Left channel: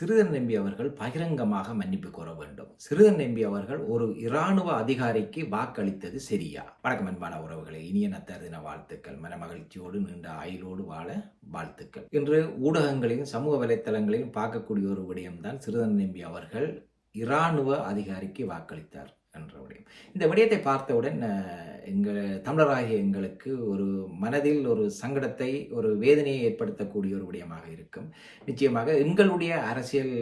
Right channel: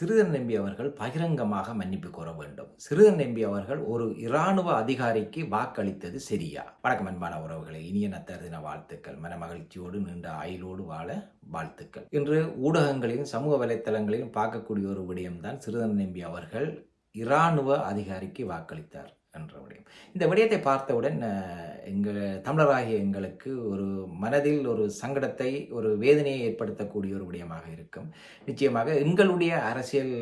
சிறுதன் நம்பி அவர்கள் பகிரங்கமாக மன்னிப்பு கோர வேண்டும். சிறுதன் நம்பி அவர்கள் ஒரு இராணுவ அதிகாரிக்கு வாக்களித்தது சரியா? வணக்கம் அன்பான உறவுகளை இனிய நத்தர் தின வாழ்த்துக்கள். மன மகிழ்ச்சியோடு நீண்ட ஆயுளோடு வாழ வாழ்த்துக்கள். இன்று ஊடகங்களையும் சமூக வலைத்தளங்களையும் பார்க்கக்கூடிய ஒரு விடயம்தான் சிறுதன் நம்பி அவர்கள் இராணுவ அதிகாரிக்கு வாக்களித்தார். என்ற விடயம். இந்த விடயத்தை பார்த்தவுடன் எங்கள் தமிழராகிய எங்களுக்கு ஒரு மனதில் ஒரு சங்கடத்தை ஒரு வேதனையை ஏற்படுத்தக்கூடிய ஒரு விடயமாக இருக்கும். நிச்சயமாக எங்களுடைய அரசியல்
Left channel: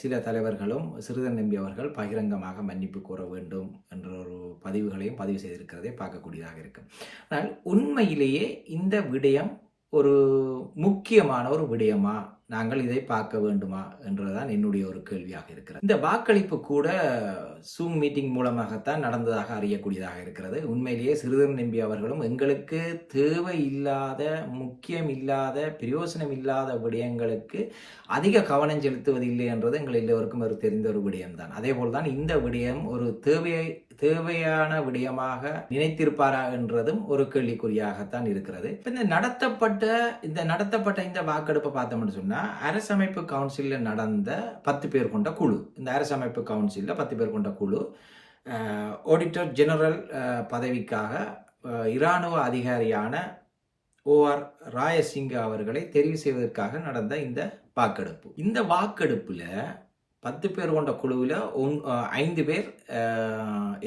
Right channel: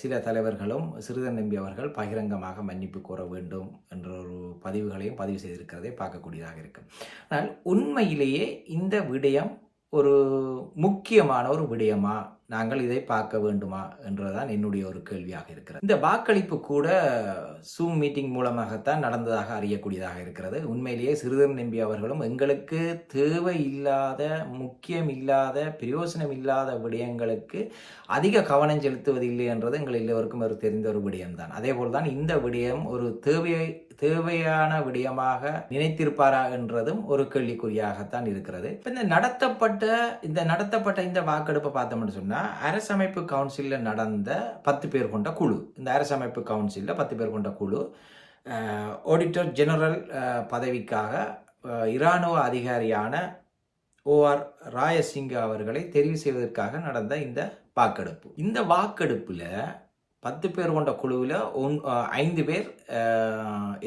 சில தலைவர்களும் சிறுதன் நம்பி அவர்கள் பகிரங்கமாக மன்னிப்பு கோர வேண்டும் என்ற ஒரு பதிவுகளையும் பதிவு செய்திருக்கிறதை பார்க்கக்கூடியதாக இருக்கும். ஆனால் உண்மையிலேயே இந்த விடயம் ஒரு முக்கியமான ஒரு விடயமா நாங்கள் இதை பார்க்க வேண்டுமா என்றுதான் என்னுடைய ஒரு கேள்வியாக இருக்கிறது. இந்த வாக்களிப்பு கூட சூம் மீட்டிங் மூலமாகத்தான் நடந்ததாக அறியக்கூடியதாக இருக்கிறது. உண்மையிலேயே சிறுதர் நம்பி அவர்களும் எங்களுக்கு தேவை இல்லாத முக்கியம் இல்லாத பிரயோசனம் இல்லாத விடயங்களுக்கு அதிக கவனம் செலுத்துவதில்லை என்றது எங்கள் எல்லோருக்கும் ஒரு தெரிந்த ஒரு விடயம்தான். அதே போல்தான் இந்த விடயம் ஒரு தேவையை தேவையான விடயமாக நினைத்திருப்பாரா என்றதும் ஒரு கேள்விக்குறியாகத்தான் இருக்கிறது. இப்போ இந்த நடத்தப்பட்ட இந்த நடத்தப்பட்ட இந்த வாக்கெடுப்பை பார்த்தோம்னு சொன்னால் என்னென்னா அரசமைப்பு கவுன்சிலில் நடந்த பத்து பேர் கொண்ட குழு. இந்த அரசமைப்பு கவுன்சிலில் பத்து பேர் கொண்ட குழு. ஆடிட்டர் ஜெனரல் பதவிக்காக இராணுவ அதிகாரியான ஓஆர் ராயசிங்க அவர்களை தெரிவு செய்வதற்காக நடந்த இந்த வாக்கெடுப்பு. இந்த வாக்கெடுப்பில் பத்து பேர் கொண்ட குழுவில் ஒன் ஐந்து பேர்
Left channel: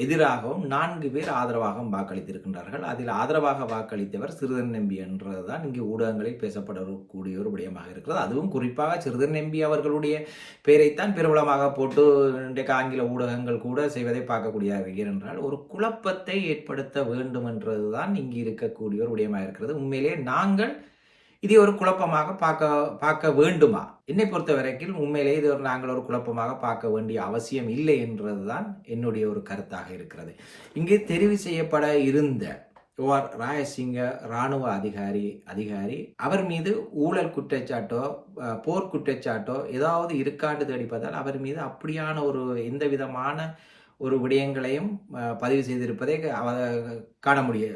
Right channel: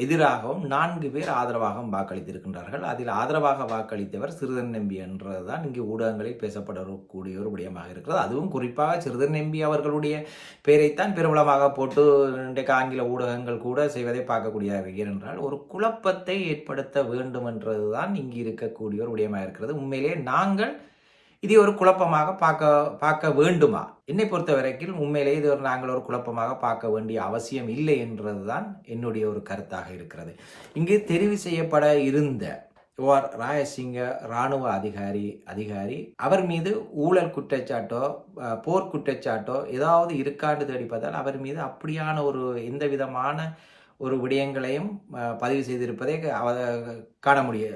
எதிராகவும் நான்கு பேர் ஆதரவாகவும் வாக்களித்திருக்கின்றார்கள். அதில் ஆதரவாக வாக்களித்தவர் சிறுதன் நம்பி என்றதுதான் இங்கு ஊடகங்களில் பேசப்படக்கூடிய ஒரு விடயமாக இருக்கிறது. அதுவும் குறிப்பாக சிறுதன் நம்பி அவர்களுடைய பெயரைத்தான் பிரபலமாக போட்டு இன்றைக்கு ஆங்கில ஊடகங்கள் கூட செய்வதை பார்க்கக்கூடியதாக ஏனென்றால் ஒரு குழப்பத்தை ஏற்படுத்த வேண்டும் என்றதுதான் இங்கு இருக்கக்கூடிய ஒரு விடயமாக இருக்கிறது. உண்மையிலே நாங்கள் இது ஒரு குழப்பமாக பார்க்க பார்க்க வேண்டுமா? என்னை பொறுத்த வரைக்கும் உண்மையிலே இது ஒரு நாங்கள் ஒரு குழப்பமாக பார்க்க வேண்டிய அவசியம் இல்லை என்றதுதான் என்னுடைய ஒரு கருத்தாக இருக்கிறது. இங்கே தெரிவு செய்யப்பட இருந்த ஓர் ராயசிங்க ராணுவ அதிகாரி அதிகாரி அவர் மீது ஊழல் குற்றச்சாட்டோ போர் குற்றச்சாட்டோ ஏதாவது இருக்காண்டு தேடி அவர் மீது அப்படியான ஒரு எந்த விதமான ஒரு விடயங்களையும் பதிவு செய்திருப்பதை அவ காண முடிய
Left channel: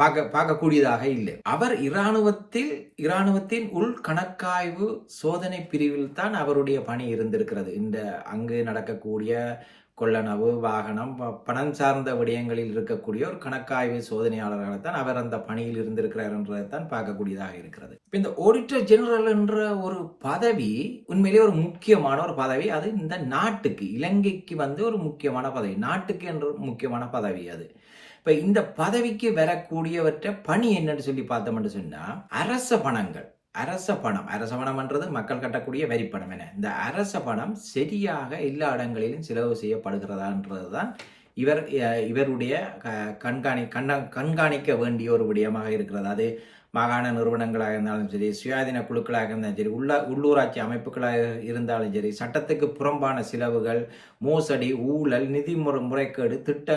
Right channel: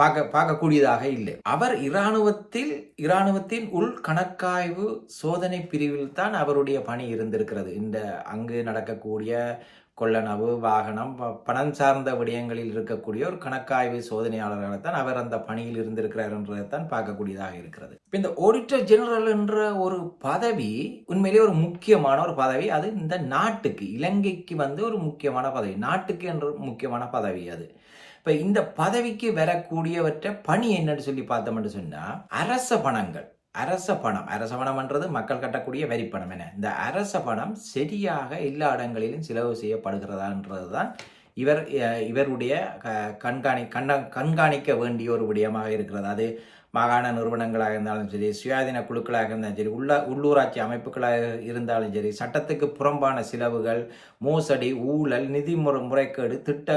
பார்க்க பார்க்கக்கூடியதாக இல்லை. அவர் இராணுவத்தில் இராணுவத்தின் உள் கணக்காய்வு சோதனை பிரிவில் தான் அவருடைய பணி இருந்திருக்கிறது. இந்த அங்கு நடக்கக்கூடிய கொள்ளனவு வாகனம் ப- பணம் சார்ந்த விடயங்களில் இருக்கக்கூடிய ஒரு கணக்காய்வு சோதனையாளர்களை தான் அவர் அந்த பணியில் இருந்திருக்கிறார் என்றதை தான் பார்க்கக்கூடியதாக இருக்கிறது. இப்போ இந்த ஆடிட்டர் ஜெனரல் என்ற ஒரு பதவி உண்மையிலேயே ஒரு முக்கியமான ஒரு பதவி. அது இந்த நாட்டுக்கு இலங்கைக்கு வந்து ஒரு முக்கியமான பதவி. நாட்டுக்கு என்ற முக்கியமான பதவி அது. இப்போ இந்த பதவிக்கு வரக்கூடியவற்றை பணி என்னன்னு சொல்லி பார்த்தோம்னு சொன்னால் அரச பணங்கள். அரச பணம் அரச பணம்ன்றது மக்கள் கட்டக்கூடிய வரி பணம் என. இந்த அரச பணம் சரியாக எல்லா இடங்களிலும் செலவு செய்யப்படுகிறதான்றதுதான் இவர் இவருடைய க- கண்காணி கண்ண கண்காணிக்க வேண்டிய ஒரு விடயமாக இருக்கிறது. அது மாகாண நிறுவனங்களாக இருந்தாலும் சரி சுயாதீன குழுக்களாக இருந்தாலும் சரி உள்ள உள்ளூராட்சி அமைப்புகளாக இருந்தாலும் சரி சட்டத்துக்கு புறம்பான செலவுகள் மோசடி ஊழல் நிதி முறை முறைகேடு திட்ட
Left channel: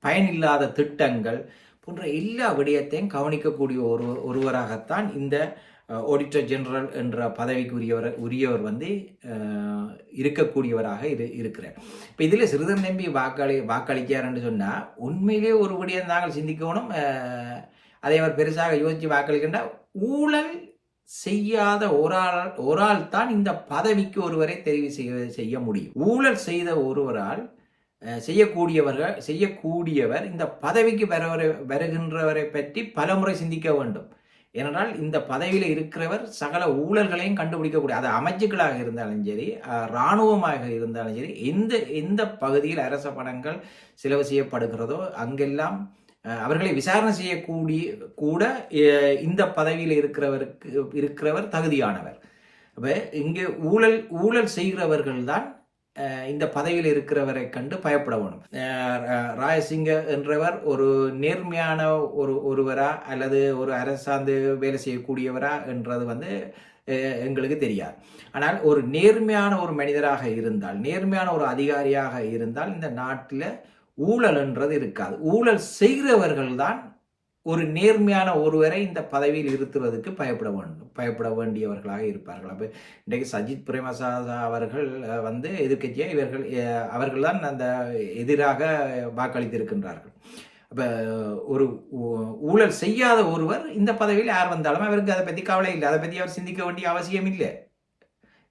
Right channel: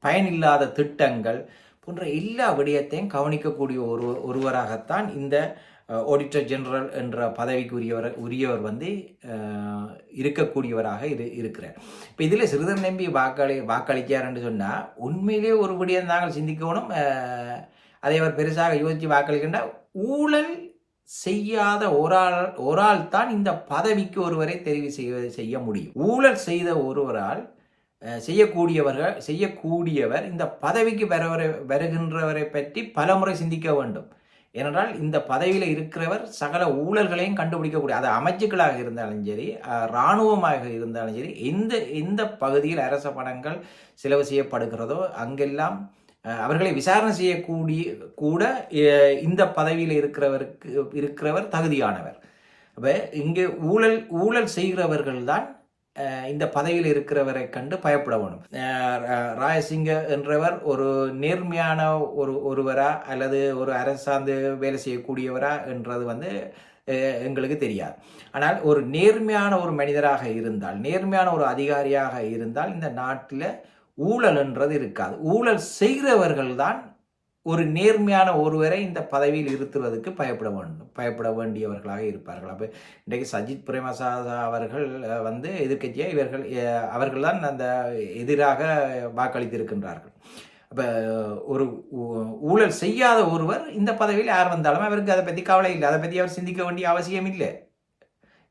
பயனில்லாத திட்டங்கள் போன்ற எல்லா விடயத்தையும் கவனிக்கக்கூடிய ஒரு ஒருவராகத்தான் இந்த ஆடிட்டர் ஜெனரல் என்ற பதவிக்கு உரியவர் உரியவர் வந்து இருக்கக்கூடியவராக இரு இருக்கிறார். இப்போ இதில் சிறுதர் நம்பி வாக்களி வாக்களிக்கிறார்னு சொன்னால் உண்மையிலே ஒரு விடயம் நாங்கள் சிந்திக்கணும். அதை அவர் பெருசாக யோசித்து வாக்களிக்கின்ற ஊழல் செய்யாத ஒரு ஆள் ஒரு ஆள் தான் இந்த பதவிக்கு ஒருவரை தெரிவு செய்ய செய்ய முடியும். ஊழல் செய்த ஒருவரால் செய்யக்கூடியவர்கள் செய்யக்கூடியவர் இந்த பதவிக்கு வரவரை வருகின்றவரை பற்றி பலமுறை சிந்திக்க வேண்டும். ஏனென்றால் இந்த பதவியில் இருக்கிறவர் சகல ஊழல்களையும் கண்டுபிடிக்கக்கூடிய அது அமைச்சுக்களாக இருந்தாலும் சரி இராணுவமாக இருந்தாலும் சரி எந்த எந்த பகுதியில் அரச பணங்கள் செலவு செய்யப்படுகிறதோ அங்கெல்லாம் அவர்களை விசாரணை செய்யக்கூடிய கூட இந்த பதவியில் இருக்கிறவருக்கு இருக்கிறவர் தகுதியானவர். அப்போ இங்கே ஊழல் ஊழல் செய்கிறவர்கள் தான் இந்த பதவியில் இருக்கிறவரை கண்டு பயப்பட வேணும் ரா- ராயசிங்க என்றவர் ஒரு நேர்மையான ஒரு ஒருவரா அல்லது ஒரு அரசாந்து வேலை செய்யக்கூடியவரா என்றது வந்து எங்களுக்கு தெரியாது. ஆனால் ஒரு நேர்மையான ஒரு மனிதராக இருந்தால் நேர்மையான ஒரு அதிகாரியாக இருந்தால் இந்த நாட்டில் ஊழல் என்றது இருக்காது. ஊழல் செய்கிறவர்கள் தான் ஒரு நேர்மையான ஒருவரை இந்த பதவியில் இருத்துவதற்கு பயப்பட வேண்டும். பயப்பட வேண்டியவர்களாக இருப்பார்கள். அப்போ இன்றைக்கு சஜித் பிரேமசாதா அவர்கள் வந்து எதிர்கட்சியாக இவர்கள் அவர்கள் தான் அந்த எதிராக வாக்களித்திருக்கின்றார்கள். அப்போ ஒரு ஊ- ஊழல் செய்யாத ஒருவர் இந்த பதவியில் யார் வந்தாலும் அவருக்கு அதை பற்றி கவலை இல்லை. அதை பற்றி அவர் சிந்திக்க வேண்டிய அவசியம் இல்லை.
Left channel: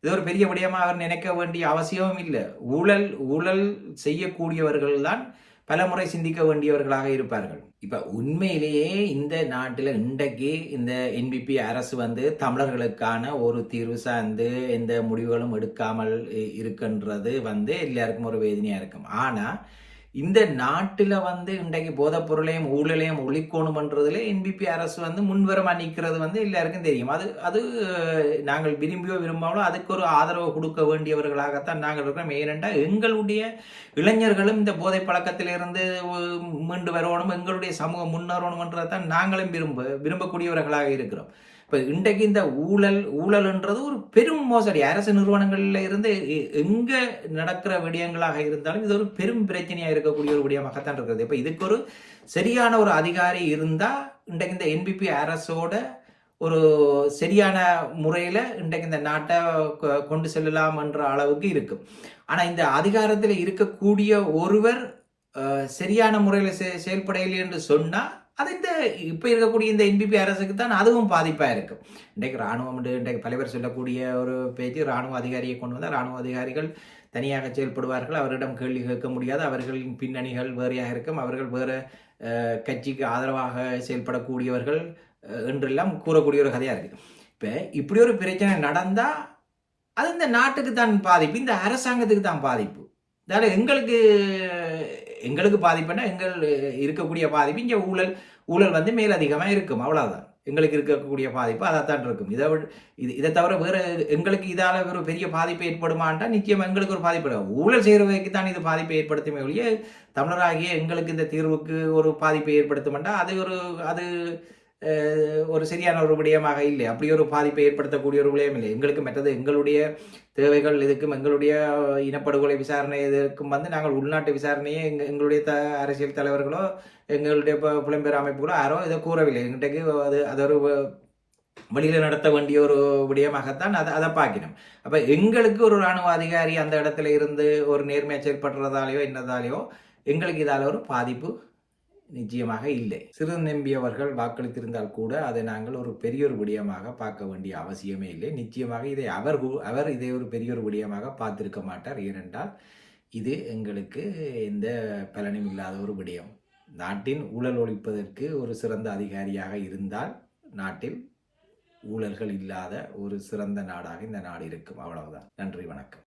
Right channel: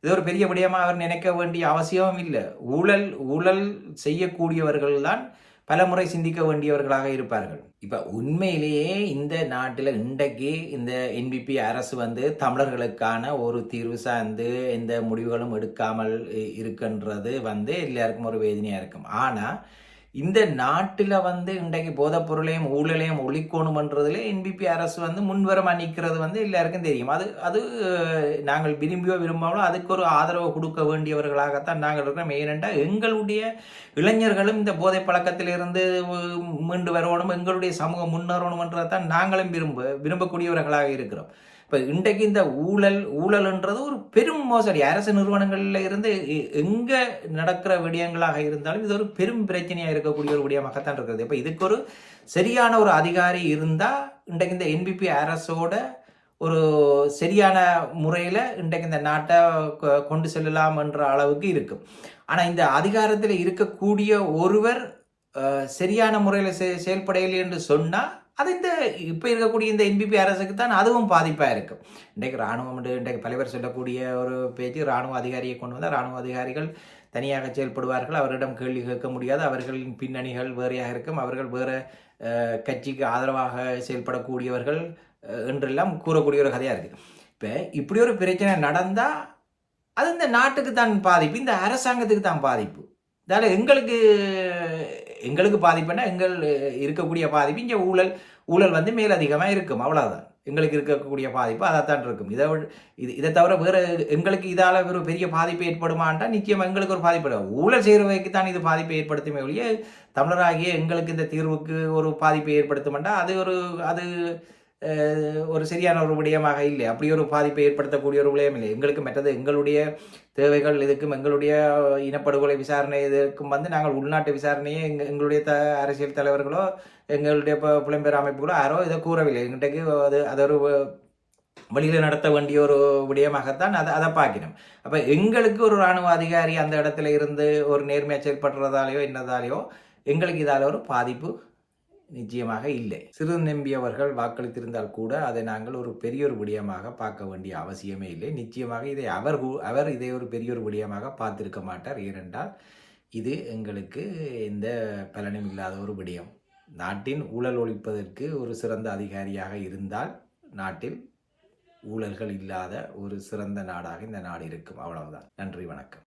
இது ஒரு பெரிய விடயமா அவர் நினைக்க வேண்டிய அவசியமும் இல்லை. ஊழல் ஊழல் செய்யக்கூடியவர்கள் தான் பலமுறை சிந்திக்க வேண்டியவர்களாக இருப்பார்கள். இப்போ உண்மையிலேயே இந்த நாட்டில் இன்றைக்கு இந்த என்பிபி அரசு வந்து தமிழர்களுக்கான ஒரு தீர்வு சார்ந்து எந்த முடிவுகளும் எடுக்காமல் இருக்கின்றது வந்து எல்லாருக்கும் ஒரு வேதனையாக இருக்கும். ஆனால் இந்த நாட்டில் வந்து இன்றைக்கு போதைப் பொருளையும் ஊழலையும் ஒழிக்கணுமன்றதுல என்பிபி அரசு வந்து முன்வரம் நிற்கிறது வந்து எல்லாருக்கும் தெரியும். அது அது நாங்கள் விரும்பியோ விரும்பாமலோ அதுக்கு ஒரு ஆதரவு கொடுக்க வேண்டியவர்களாகத்தான் நாங்கள் இருக்கிறோம். ஏனென்றால் எங்களுடைய இளைஞர்களும் இந்த போதை பழக்கத்திலிருந்து மீண்டு வரணும் எங்களுடைய சமூகம் முன்னேறணும்ன்றதான் நாங்களும் விரும்ப விரும்பக்கூடியவர்களாக இருக்கிறோம். இப்போ இன்றைக்கு இந்த ஊழல் ஊழல்ன்றது ஒரு பெரும் மோசடி. அரசு நிறுவனங்களில் இருந்து எ- நடக்கிற விடயங்களாக இருந்தாலும் இது ஒரு பெரும் பிரச்சனையாக இருக்கக்கூடிய ஒரு விடயமாகத்தான் இருக்கிறது இப்போ இதுக்கு ஒரு சரியான ஒரு அதிகாரி இருந்தால் இன்றைக்கு இந்த என்பிபி அரசோட ஒரு சரியான முறையில் இன்றைக்கு இந்த நாட்டை கொ- கொண்டு செல்லலாம் என்ற அளவுக்கு இருக்கும் ஆனால் இந்த அதிகாரத்தில் இருக்கக்கூடிய ஒருவர் சரியான முறையில் செ இல்லை என்று சொன்னால் அது இந்த இப்போ இருக்கக்கூடிய இந்த என்பிபி அரசுக்கு தான் அதுவும் பாதிப்பாக இருக்கும் இன்றைக்கு ராணுவம் இன்றைக்கு தலைவர் சொல்லக்கூடிய ஒரு பேச்சு ராணுவ அதிகாரியை கொண்டு வந்தால் ராணுவ அதிகாரிகள் தனியாக செயல்படுவார்கள். அவரிடம் கேள்வி கேட்க முடியாது. அவர்களின் பின்னணிகள் வேறையாக இருக்கும். அவர்கள் வேறு கட்சிக்கு ஆதரவாக செயல்படக்கூடியவர்கள் என்றெல்லாம் கூறக்கூடிய ஒரு கதையாக இருக்குது இப்போ இப்படி ஒரு பிரச்சனை நடந்தால் அது இந்த நாட்டுக்கு தான் பாதிப்பு. இந்த அரசாங்கத்துக்கு தான் பாதிப்பு. அதால எங்களுக்கு எங்களுக்கு பாதிப்புன்னா எங்கள் இருக்கக்கூடிய பாதிப்பு இங்கே ஊழல் ஊழல் வந்து மேலதிகமாக இருக்கும் அவ்வளோதான் எங்களுக்கு இருக்கக்கூடிய பாதிப்பு அதைத்தான் இருக்கும். இதை இது இதை தவிர வேறு எங்களுக்கு இதால் ஒரு பெரிய பாதிப்பு ஏற்படுமான்டா நிச்சயம் எங்களுக்கு ஒரு பாதிப்பு ஊழல் செய்கிறவைக்கு தான் இது பாதிப்பை ஏற்படுத்துமே ஒழிய தமிழராகிய எங்களுக்கு இந்த தீர்வுக்கு ஒரு பாதிப்பை ஏற்படுத்துமெண்டா அது ஒரு அது ஒரு சரியான ஒரு விடயமாக இல்லை. அப்படி ஒரு பாதிப்பை ஏற்படுத்தக்கூடிய ஒரு விடயம் இல்லை. எங்களுக்கு மற்றது எங்களுடைய தேவைகள் இதுக்கும் எங்களுடைய இனப்படுகொலை விசாரணை இதற்கும் வந்து நாங்கள் உள்நாட்டு விசாரணையை எங்கள் எங்களுடைய த அரசியல் தலைவர்களோ எங்களுடைய புலம்பெயர் அமைப்புகளோ யாரோ இதை கூறவில்லை. எங்கிட்டக்கு அது அது ஒரு வழியில் நடத்த வேண்டிய ஒரு விடயமாகத்தான் அதை அதை பார்க்கணும். அப்போ எங்களுக்கு ஒரு இராணுவ அதிகாரி அந்த இடத்துல இருந்து ஒரு நேர்மையாக செயல்படுறதாலேயோ என்னதாலேயோ எங்களுக்கு இதால் ஒரு பாதிப்பு நிச்சயமாக இல்லை. சிறு நம்பியவர்கள் வாக்களித்திருந்தால் கூட அதை நாங்கள் ஒரு பெரிய ஒரு விடயமாக பார்க்க வேண்டிய அவசியமே இல்லை. நிச்சயமாக இதை அவர் அவர் இதை ஒரு பெரிய ஒரு விடயமாக பார்த்திருக்க மாட்டார். ஏனென்றால் இது எங்களுக்கு எந்த பலனும் இல்லாத ஒரு விடயம். நாட்டின் ஊழல் ஒழிப்பதற்கு ஒரு சிறந்த அதிகாரியாக இருந்தால் நாட்டில் ஊழல்கள் இல்லாத ஒரு சிறந்த நாடாக இந்த நாடு இருக்கும். அவ்வளவுதான். நன்றி வணக்கம்.